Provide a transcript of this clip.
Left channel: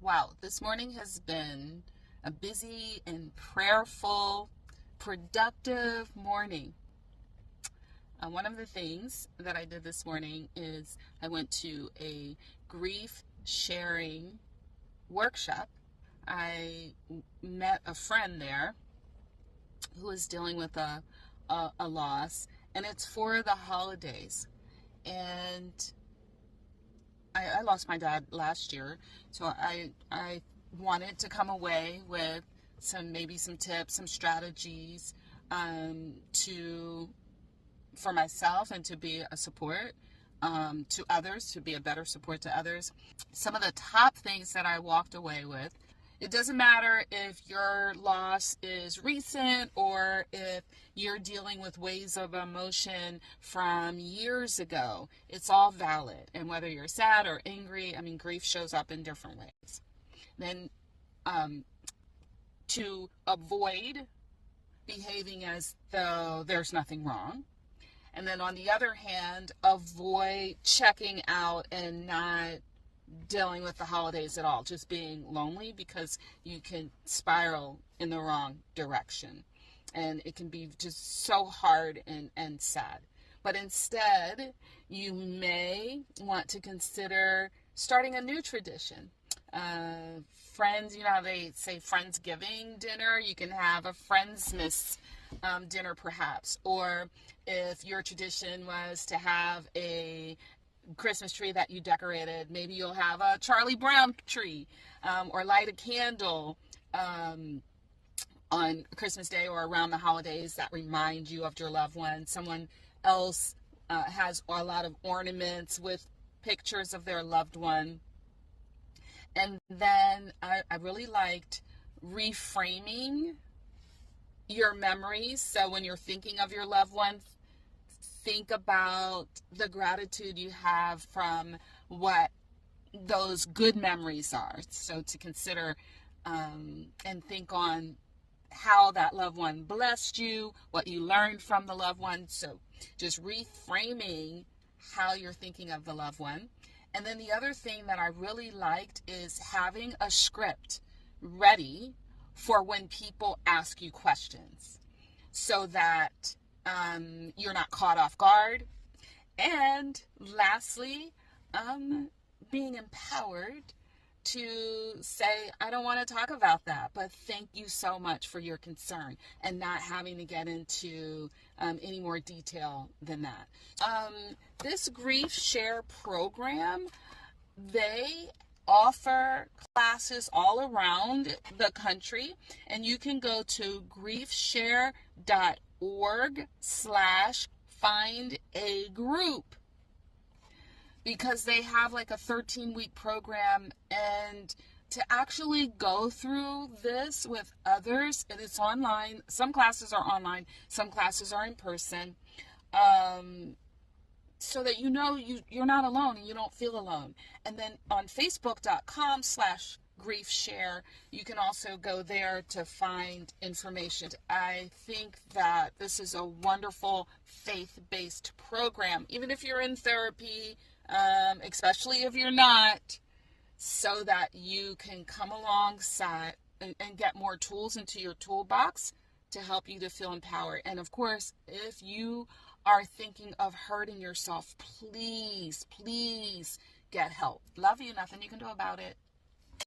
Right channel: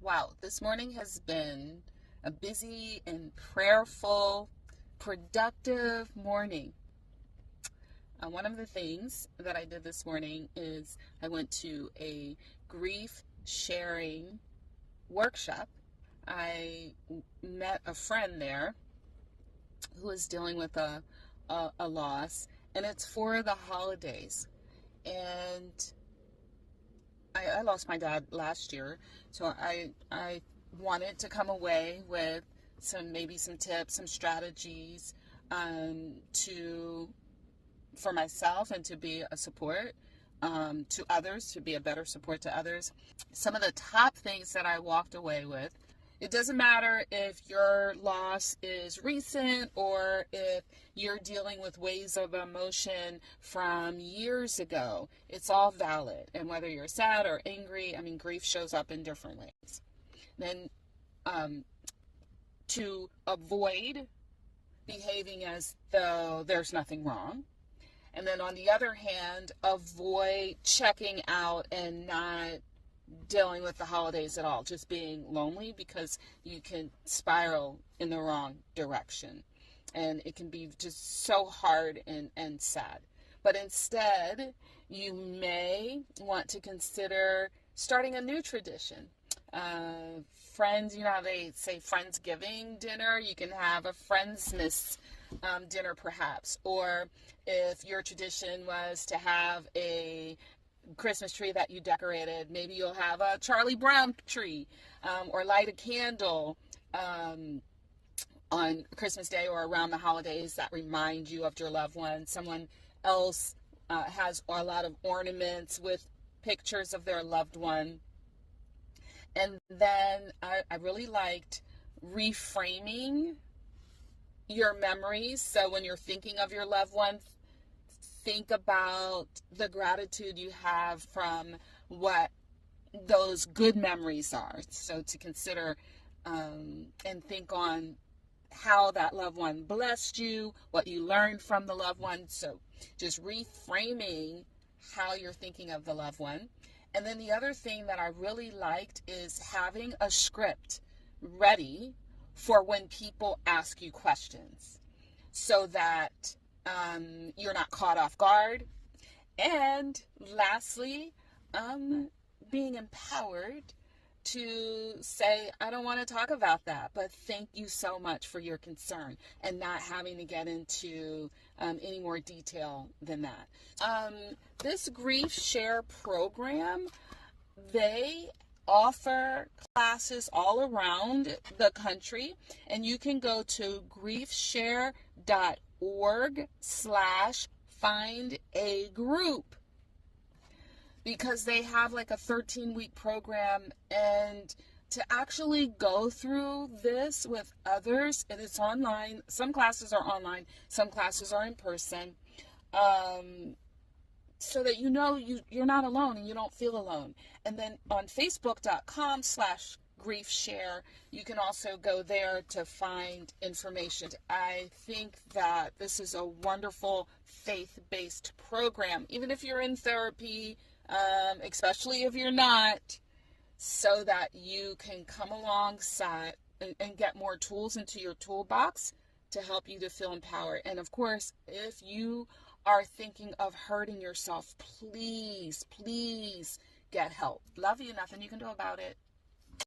Wow, this morning has been a busy and prayerful, productive morning. One of the things that I did this morning is I went to a grief sharing workshop. I met a friend there who is dealing with a loss, and it's for the holidays. And I lost my dad last year, so I wanted to come away with some tips, some strategies to for myself and to be a support to others, to be a better support to others. Some of the top things that I walked away with. It doesn't matter if your loss is recent or if you're dealing with waves of emotion from years ago. It's all valid. And whether you're sad or angry, grief shows up in different ways. Then to avoid behaving as though there's nothing wrong. And then on the other hand, avoid checking out and not dealing with the holidays at all, just being lonely, because you can spiral in the wrong direction. And it can be just so hard and sad. But instead, you may want to consider starting a new tradition. Friends, you know how they say Friendsgiving dinner? You can have a Friendsmas dinner perhaps. Or if your tradition was to have a Christmas tree that you decorated, maybe you'll have a Charlie Brown tree, or light a candle on Christmas Day or around the holidays that remind you of your loved one. Someone else has a lot of ornaments with pictures of their loved one. And then I really liked reframing your memories. So when you're thinking of your loved one, think about the gratitude you have from what those good memories are. So to consider and think on how that loved one blessed you, what you learned from the loved one. So just reframing how you're thinking of the loved one. And then the other thing that I really liked is having a script ready for when people ask you questions, so that you're not caught off guard. And lastly, being empowered to say, I don't want to talk about that, but thank you so much for your concern, and not having to get into any more detail than that. This grief share program, they offer classes all around the country, and you can go to griefshare.org/find-a-group, because they have like a 13-week program. And to actually go through this with others, and it's online. Some classes are online, some classes are in person, so that you're not alone and you don't feel alone. And then on facebook.com/grief share, you can also go there to find information. I think that this is a wonderful faith-based program, even if you're in therapy, especially if you're not, so that you can come alongside and get more tools into your toolbox to help you to feel empowered. And of course, if you are thinking of hurting yourself, please get help. Love you, nothing you can do about it.